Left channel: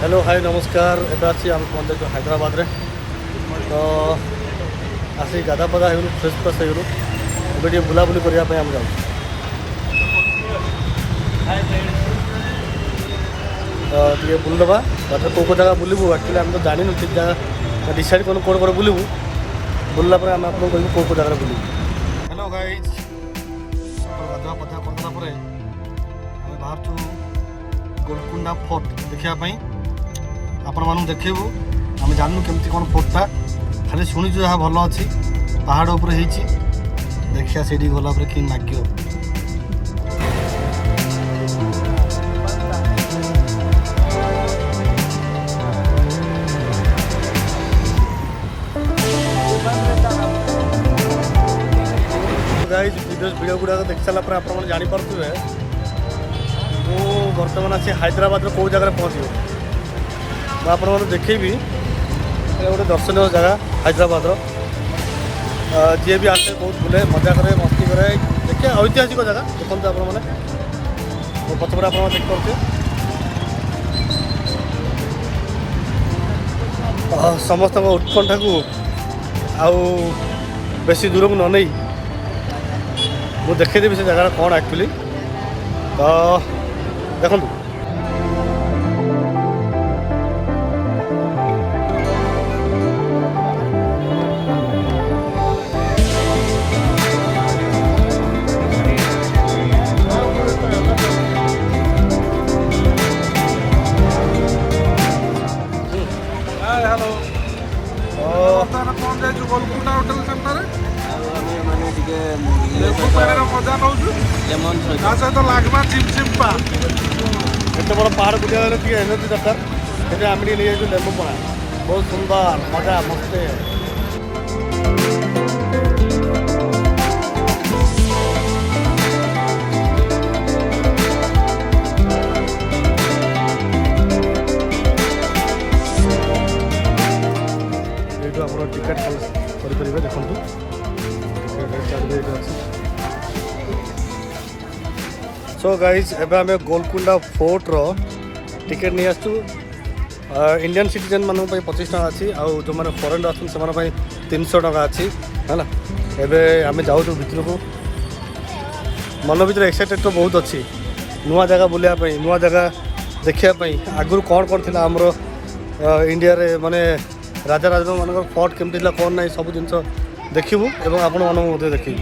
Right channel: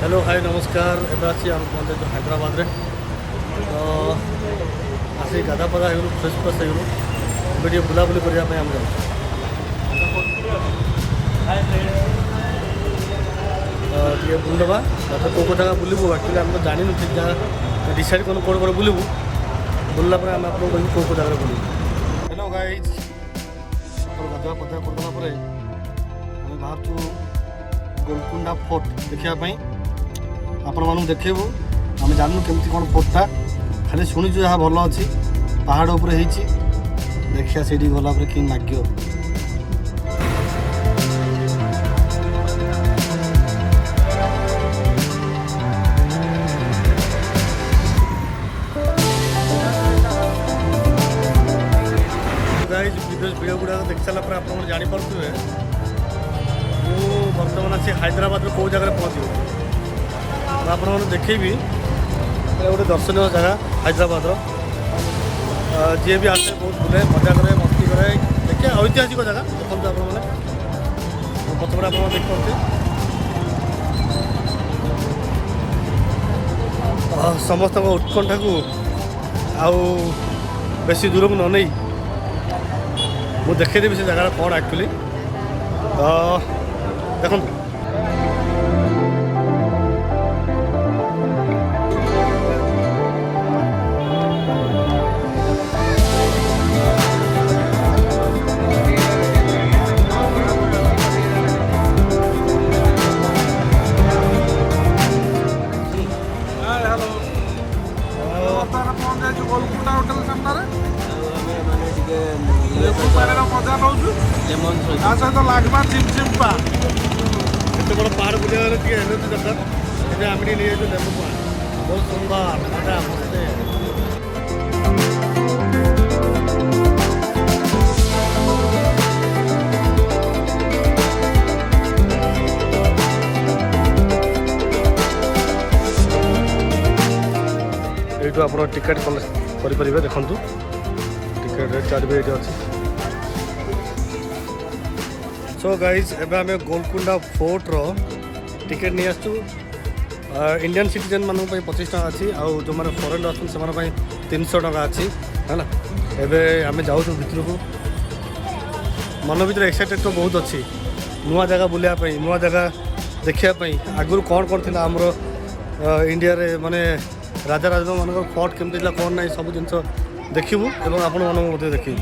Hello hi नमस्कार एबे आसी आम पहुँचे हैदराबाद रे तो आसी गाधा पाधा हो फ्रेश फ्रेश हो एबे बुलाबुली करने आम जाऊँ तो ये बुलदबा बाटे कौ जगह बुलू एक्चुअली आम तो जानू ठीक जगह डिसाइड करूँ कौन कौन बुलू बुलला आम आपको कहूँ कौ जगह बुलू। हेलो गाइज सकाल गाधुआ पाधुआ करदेला आम बाहर गोलकुंडा फोर्ट देखापी आपण मानू देखू आम जानू केमती कौन फोर्टा खाली शुणुचु जहाँ भल अच्छी पहाड़ उपर देखिया से गला कि नाग्य गाइज वीडियो गुड़ाक देख सारापर आप जापे मु बर्तमान आसी हैदराबाद कौ जगह पहुँच मुझे देखेबी गोटे दर्शनीय जगह हैदराबाद जी भी आसे बहुत बुले मजा करे मस्ती करे देखे ऐतिहासिक जगह देखते आप पछपटे आप देखिए समस्त उत्कंठा को आउ बेसी दूर को न नहीं मुझे देखदेवी से जगह कौन एक्चुअली तो देखु हेलो पहुँच जाइए गोलकुंडा होटेल सामने मजा नौ सहित लगवा चिमचिम्पा एत बड़ पहाड़ बुलिया एनर्जी दरकार ये आम नहीं जाइए लेंबू पଣା बहुत सुंदर मजा मस्ते ये आप टिकेट करेंगे देखु टिकेट रेट चार्ज भी ये अच्छी। सो गाइज एबे आम गोलकुंडा फोर्ट रो टिकेट नहीं आसु इंडियन सिटीजन मान 25 टका अच्छी आउ जो मैंने फॉरेन आस 300 टका अच्छी है एबे आम जाऊँ भितर को मन भर एक्साइटेड तो बहुत अच्छी नुआ जगह बुलायापी नुआ जगह देखापी आगुरी कौन कौन थी आमर इंडिया रे माने राजा राजा मान फोर्ट केमती कौन ना सब जिन देखू और आपण मन देखी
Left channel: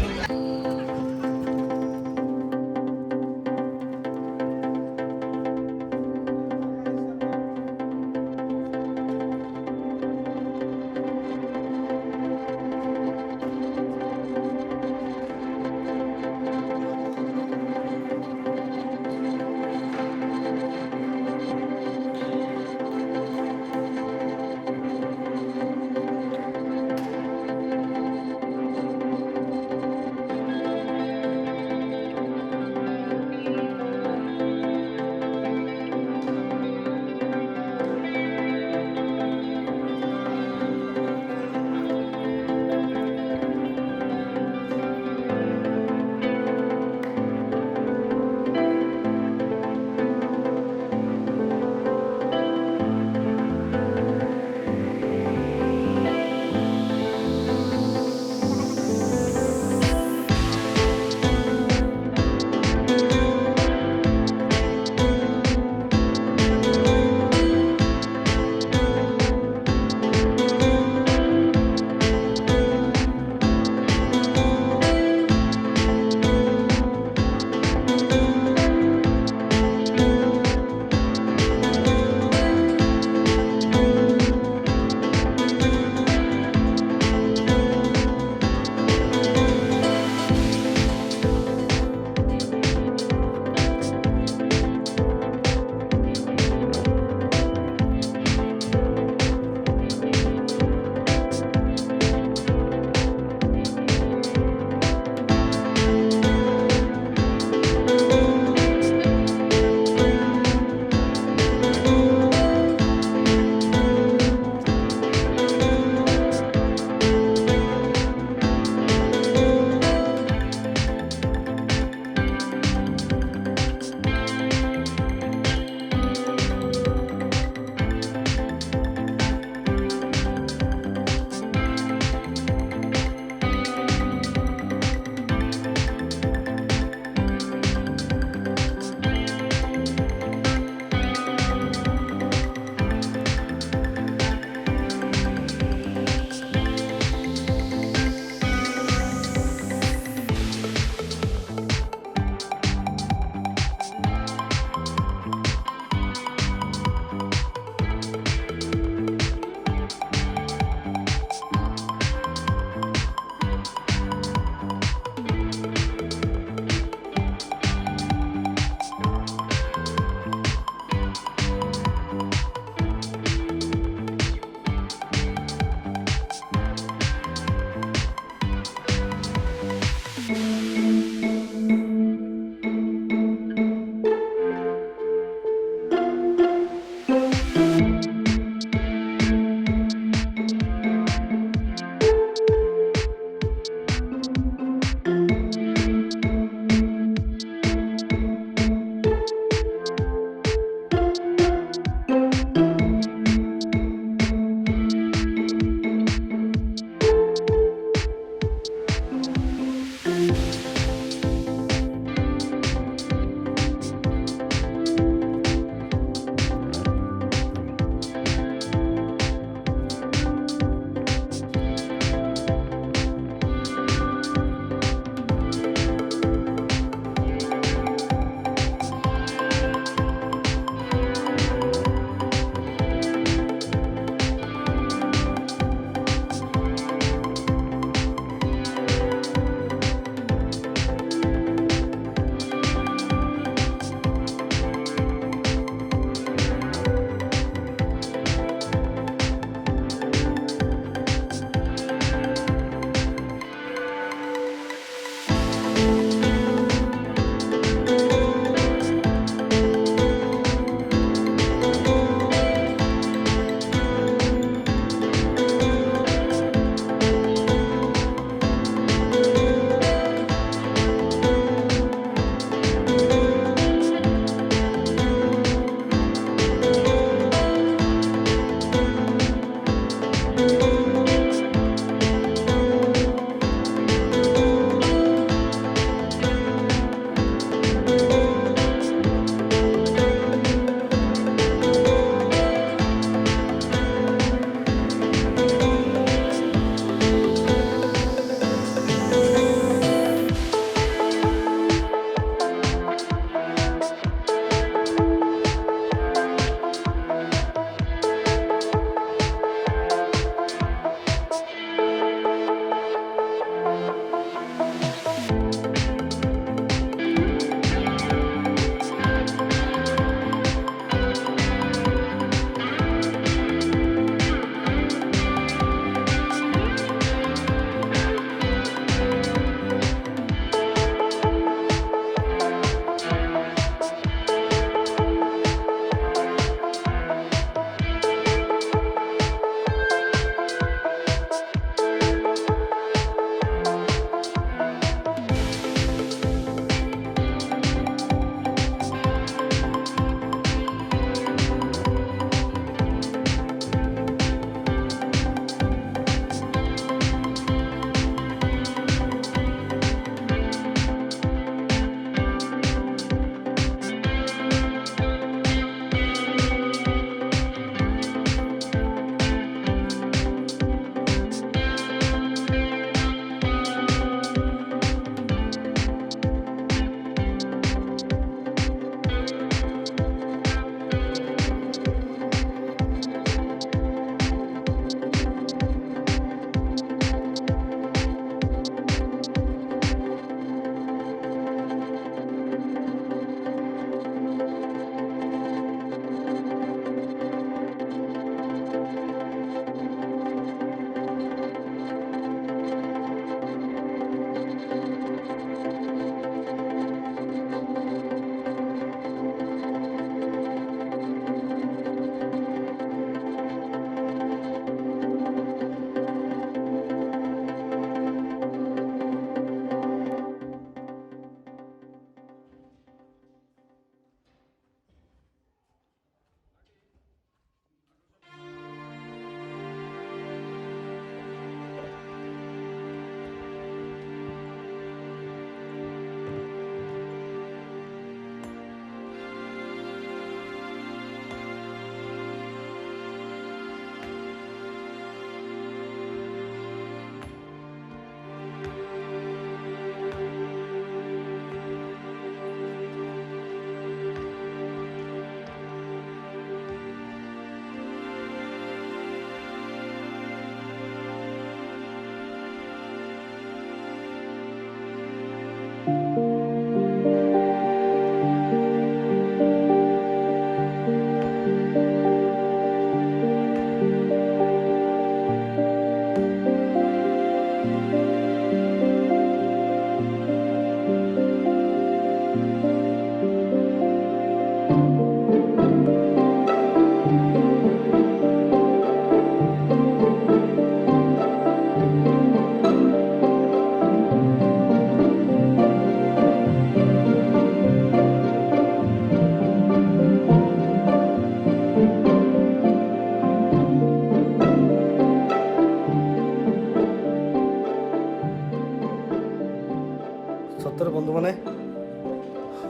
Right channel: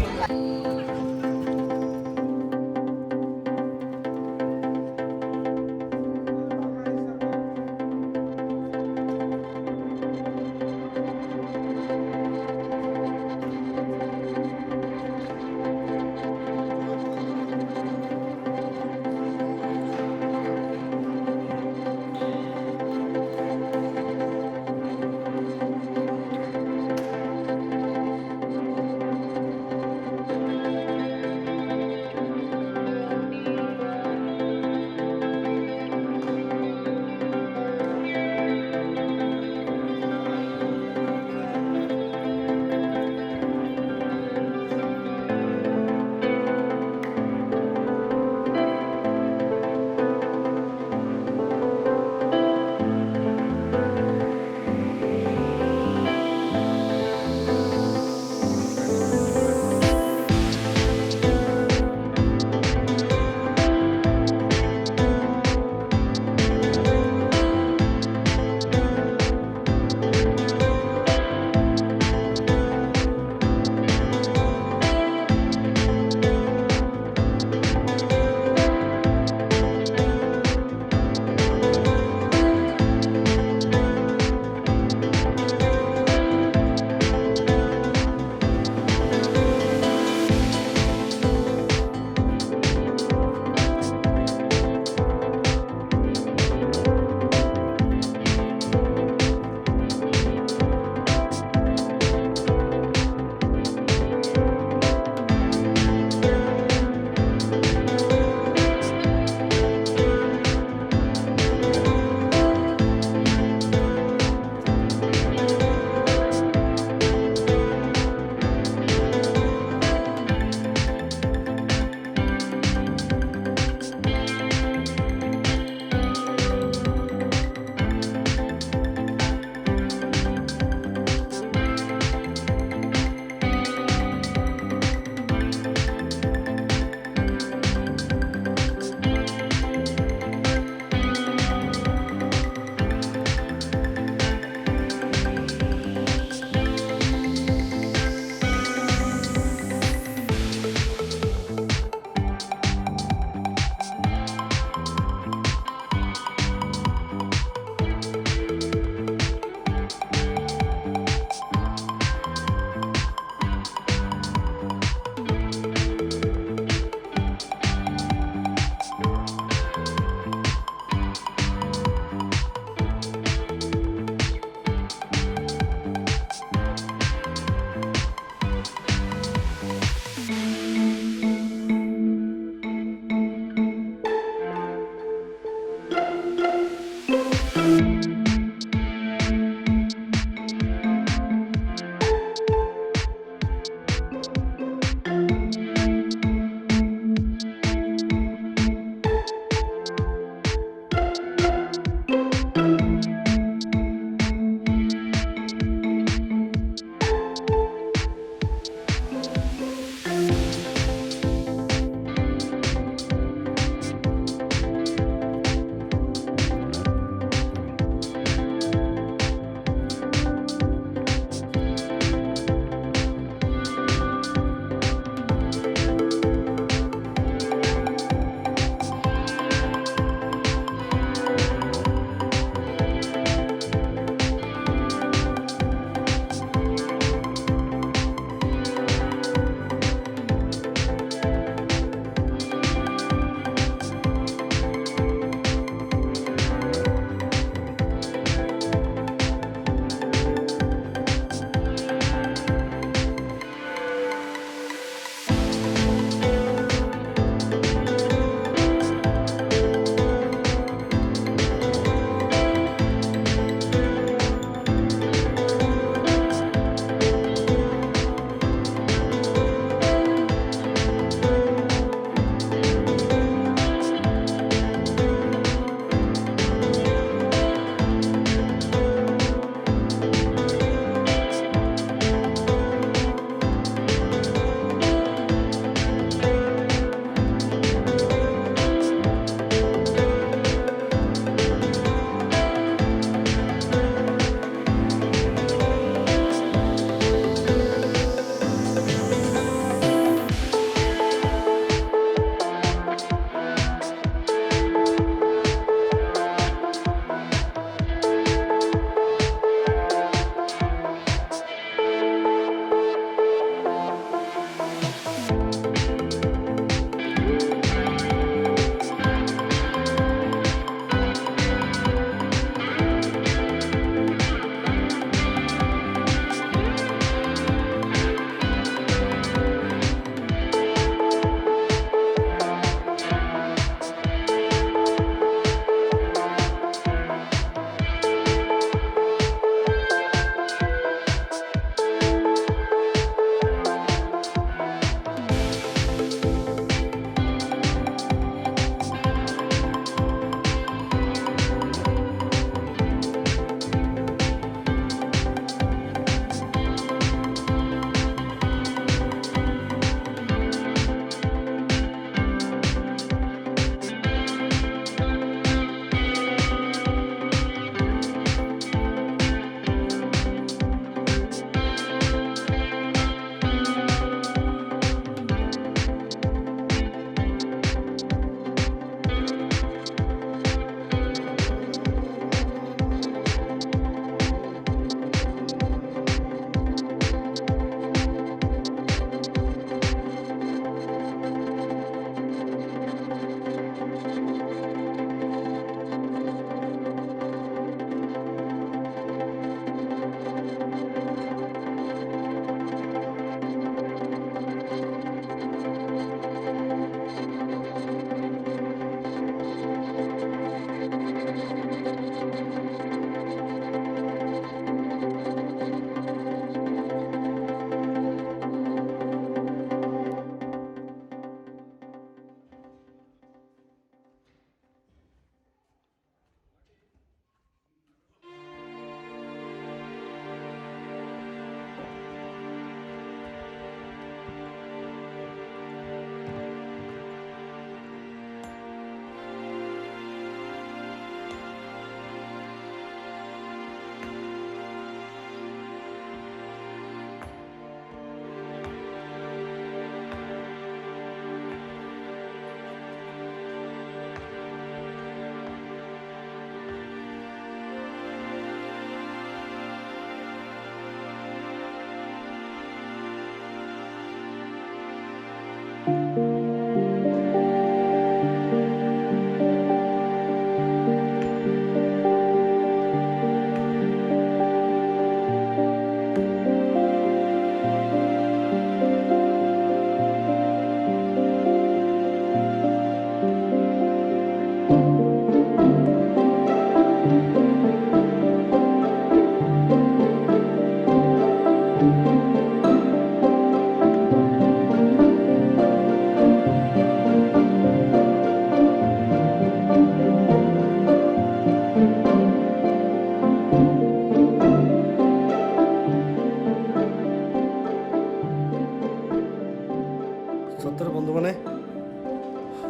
सतर बंधु मैंने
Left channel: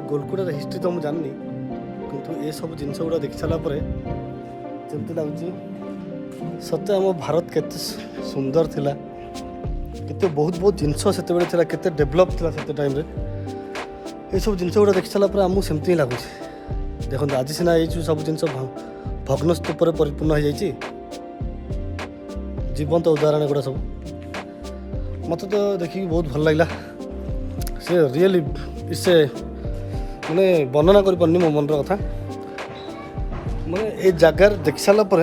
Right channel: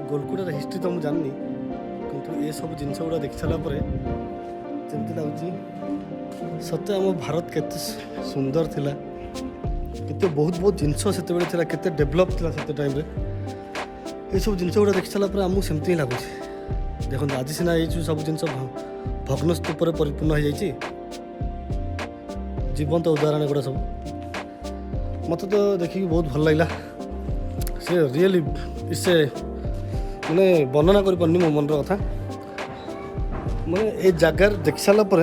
गोलकुंडार हिस्ट्री तो मुझे जाननी किंतु ये सब जिनस गुड़ा देखी सारापर जमती लगुच सत्य आम भारत केते सुंदर थिला केते बहुत बहुत जिनस से केते डेभलप थिला से टाइम रे ये सब जिनस गुड़ा देखी सारापर आमको सेमती ही लगुच देखो आज सीना ये सब जिन भग्न स्तूपर परिपूर्ण हो जाए जीवंत उदाहरण गुड़ा सब मत तो देखिए बहुत भल लगला से रियली इससे मैंने वर्णना कर पारनी मो मन कथा मैंने ये जगार देख सारापर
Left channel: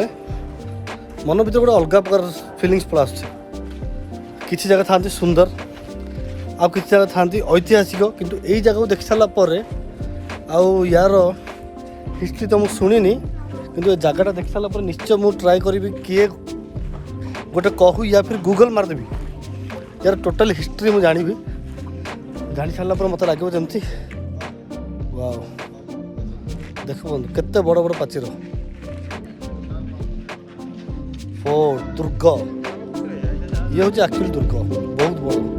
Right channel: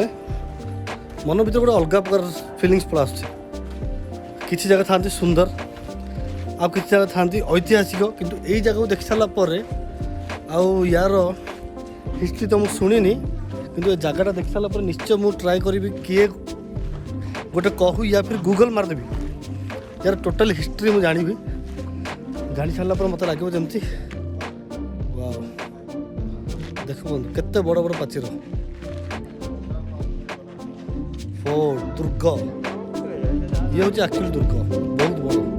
मन भर गोटे अलग प्रकार फिलिंग्स पड़ा किसी जगह था सुंदर आ किसी जगह था ऐतिहासिक किंतु यही जगह को देख सारापर आउ यार हिस्ट्री तो मुझे शुणी किंतु ये जगटा देख सारापर निश्चय मुझे ट्राए करी किए गोटे कहू या फिर गूगल मारदेवी यार टोटल हिस्ट्री मुझे जानी जानी सारापर मत लगे जमती वाओ देख बंधु केते बड़ बड़ पाचीर फोर्ट दुर्ग ये हूँ एक्चुअली दुर्ग बहुत बड़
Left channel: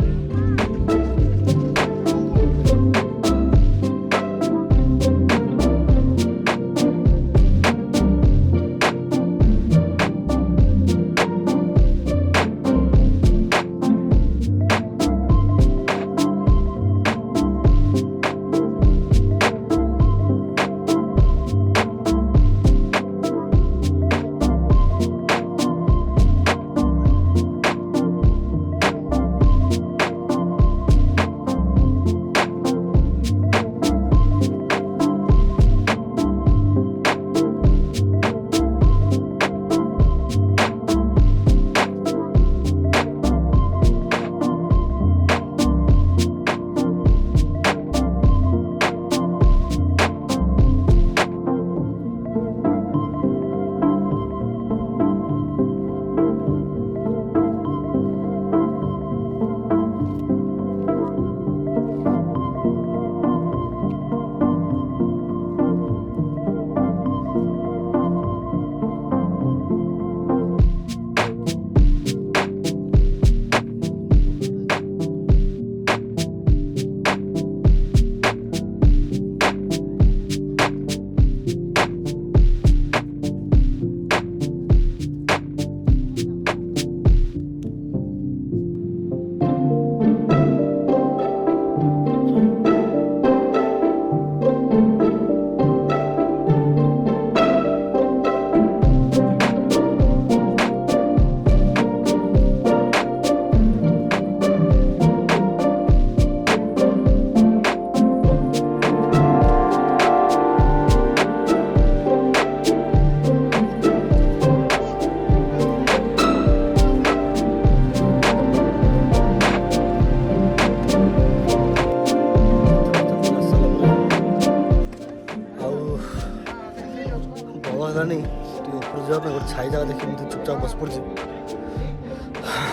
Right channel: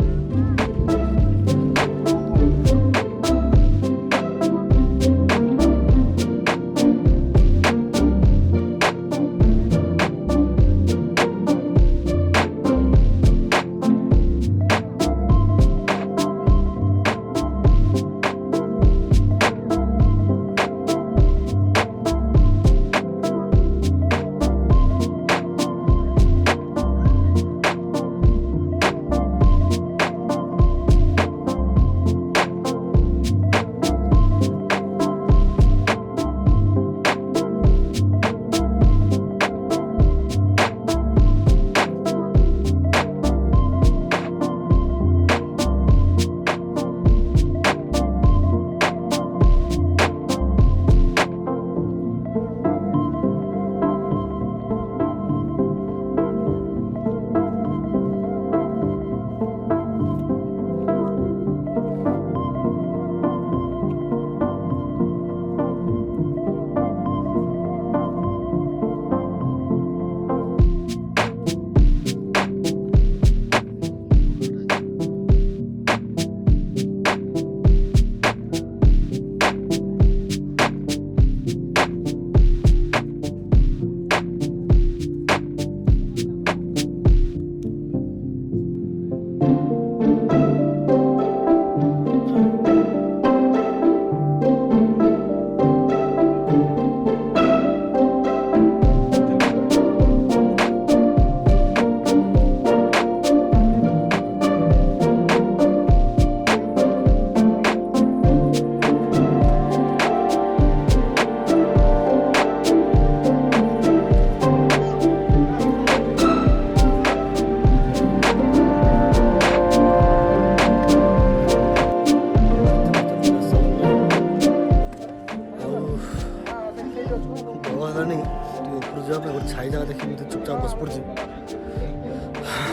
छाई जगह देखिए मुझे चुपचाप बस पड़ी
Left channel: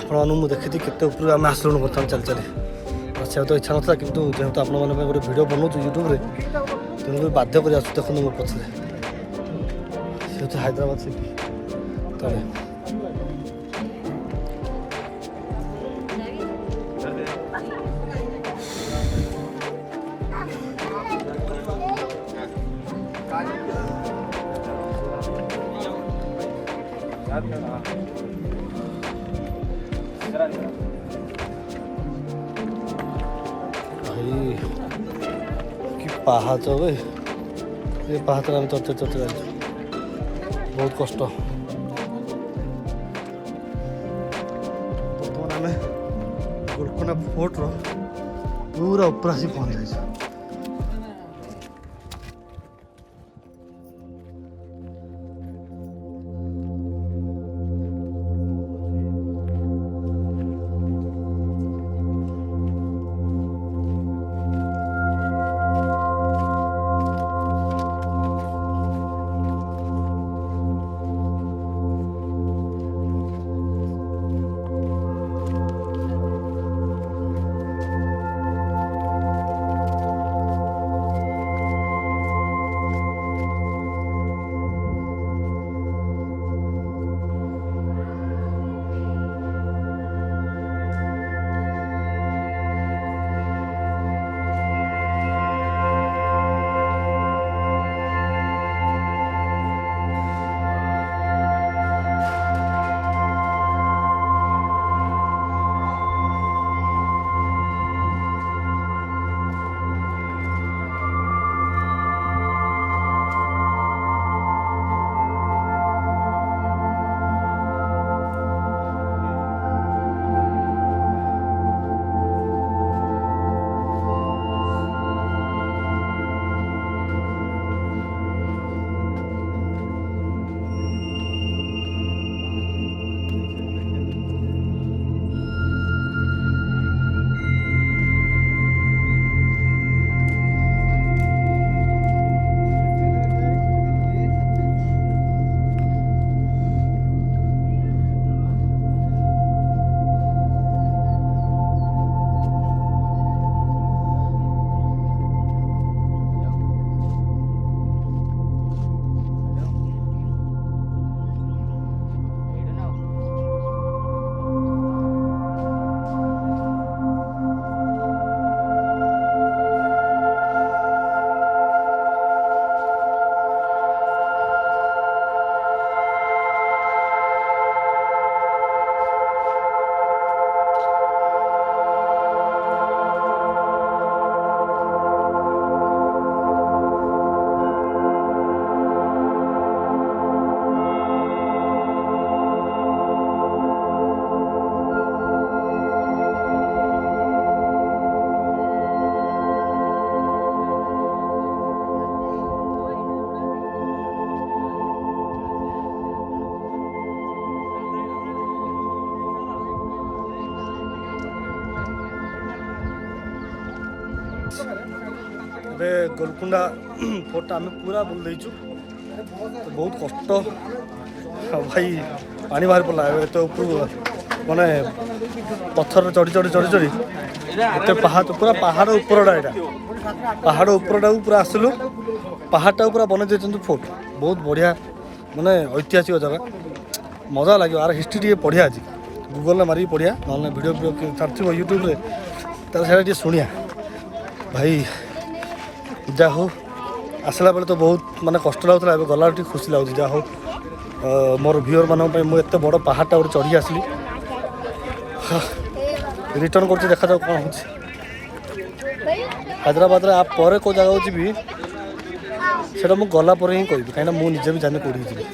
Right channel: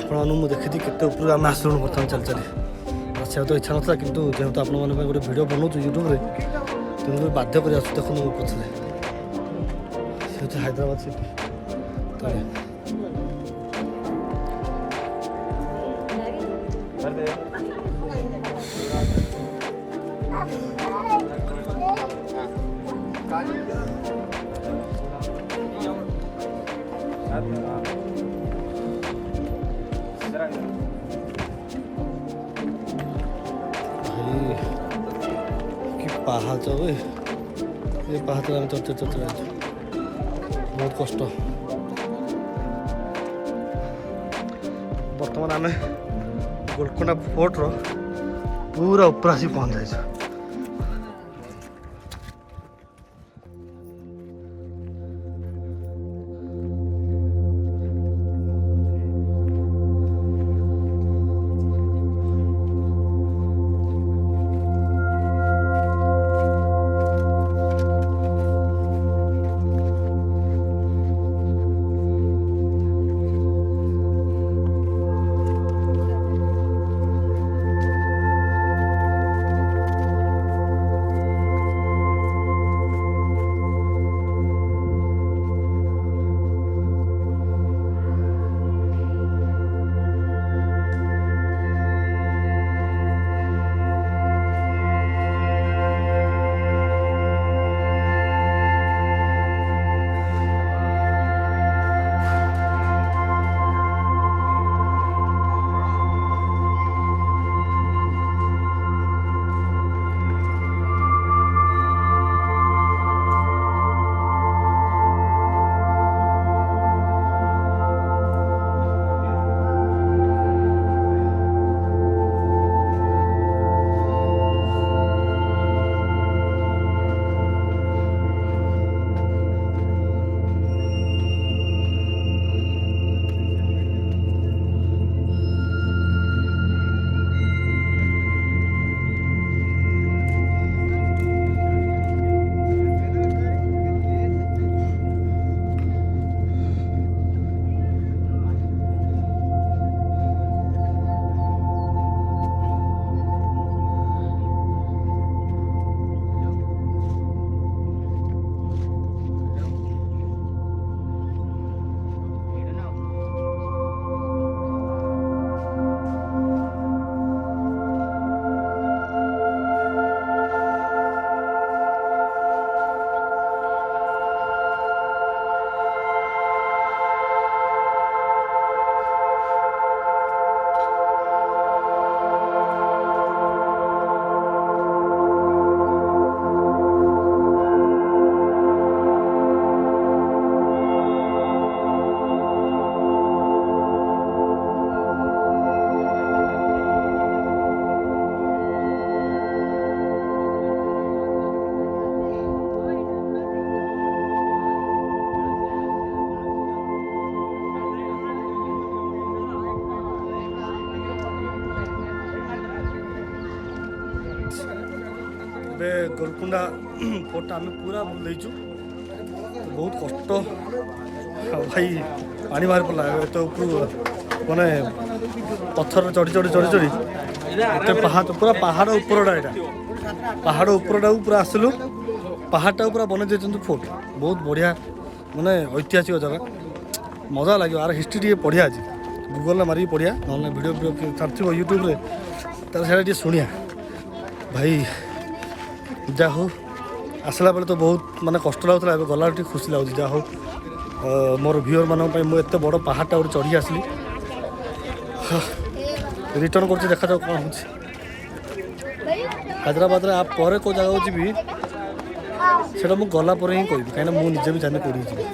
आपको मुझे देखी केते ऊपर आम आसलुँ बर्तमान चली चली आसा तो इच्छा ना कि जेहेतु आपण मैंने गोटे भिड बनाऊँ यूट्यूब तेणुक बाध्य कर देखो मो पछले से हैदराबाद सिटी तो भाई कि पाहाच ये पाहाच आम चर्चा चर्चा जाइए बहुत कष्ट बर्तमान आम गोलकोंडा फोर्ट पूरा ऊपर आसी पहुँच जाए। ଏବେ ଗୋଲକୁଣ୍ଡା ଫୋର୍ଟଟା ଆମେ ପୁରା ବୁଲି ଦେଇଛୁ। ବହୁତ କଷ୍ଟ ଭାଇ, ପାଣି ବାହାରି ପଡ଼ିଲା ଏତେ ଉପରୁ, ମାନେ ପଥରରେ ଚଢ଼ି ଚଢ଼ି ଚଢ଼ି ଚଢ଼ି ଏତେ ପାହାଡ଼, ପୁରା ପାହାଡ଼ ଉପରଟା ଏଇଟା, ପାହାଡ଼ ଉପରଟାକୁ ପୁରା ଆସିଲୁ। ପାହାଡ଼ଟାକୁ ପୁରା ବନେଇ ଦେଇଛନ୍ତି ଫୋର୍ଟ। ବହୁତ ବଢ଼ିଆ, ମାନେ ଐତିହାସିକ ଜାଗା, ମଜା ଲାଗିବ। ଆର ହିଷ୍ଟ୍ରି ଟିକେ ପଢ଼ିଆ ଅଛି, ଗୁଗଲରେ ମାରିକି ପଢ଼ିଆ, ନହେଲେ ଭିଡ଼ିଓ ଛାଡ଼ିଥିବ ୟୁଟ୍ୟୁବରେ, ତାହେଲେ ସେଇଟା ଟିକେ ଶୁଣିଆ। ଭାଇ ଯାହା ହଉ, ଆସିଲା ବେଳେ ତ ବହୁତ ମାନେ କଷ୍ଟ ଲାଗୁଥିଲା, ଏବେ ଗଲାବେଳେ ଟିକେ ଖୁସି ଲାଗୁଛି। ଯାହା ହଉ ମୋର ଭିଉଅର୍ ମାନଙ୍କ ପାଇଁ ମୁଁ ଏତେ ବଡ଼ ପାହାଡ଼ଟା ଗୋଟେ ଚଢ଼ିକି ଆସିଲି। ରିଟର୍ନ କରୁଛି, ଦେଖାଯାଉ କ'ଣ ହେଉଛି। ହାଇଦ୍ରାବାଦରେ ଆ ପରେ କେଉଁ ଜାଗାକୁ ଯିବି ସେଇଟା ମୁଁ ଗଲା ପରେ ହିଁ କହିବି, କାହିଁକିନା ମୁଁ ନିଜେ ବି ଜାଣିନି କେଉଁଠିକି ଯିବି।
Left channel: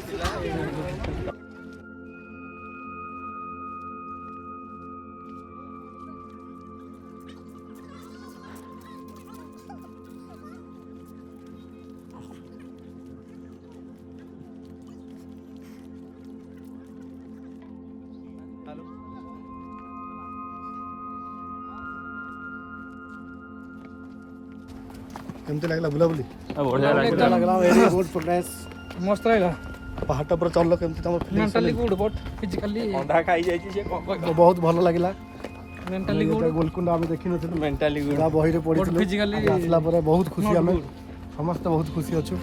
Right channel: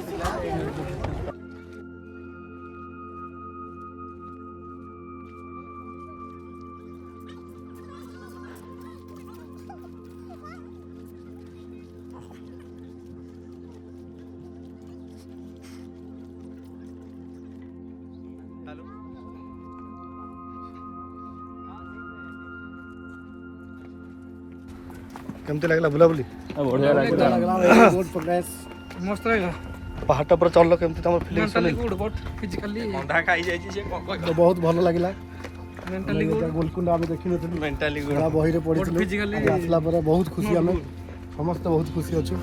କେମିତି ଲାଗିଲା ବୁଲାବୁଲି? बढ़िया ଲାଗିଲା very good progress, मस्त रहेगा। ପାହାଡ଼ଟା ଉପରେ ଚଢ଼ିଲ, କେମିତି ତମର ଫିଲିଂସ୍? मेंटली गुड बहुत फिजिकली अंधा खाई जाई छी से ବହୁତ ଭଲ ଲାଗିଲା। मेंटली गुड ଗୋଲକୁଣ୍ଡା ଆମେ ଦେଖିନଥିଲୁ, मेंटली गुड ବହିରେ ପଢିଥିଲୁ। physically ଆସିଲା ପରେ ବହୁତ ଖୁସି, ଆମେ ସମସ୍ତେ ବହୁତ ଖୁସି ଅଛୁ।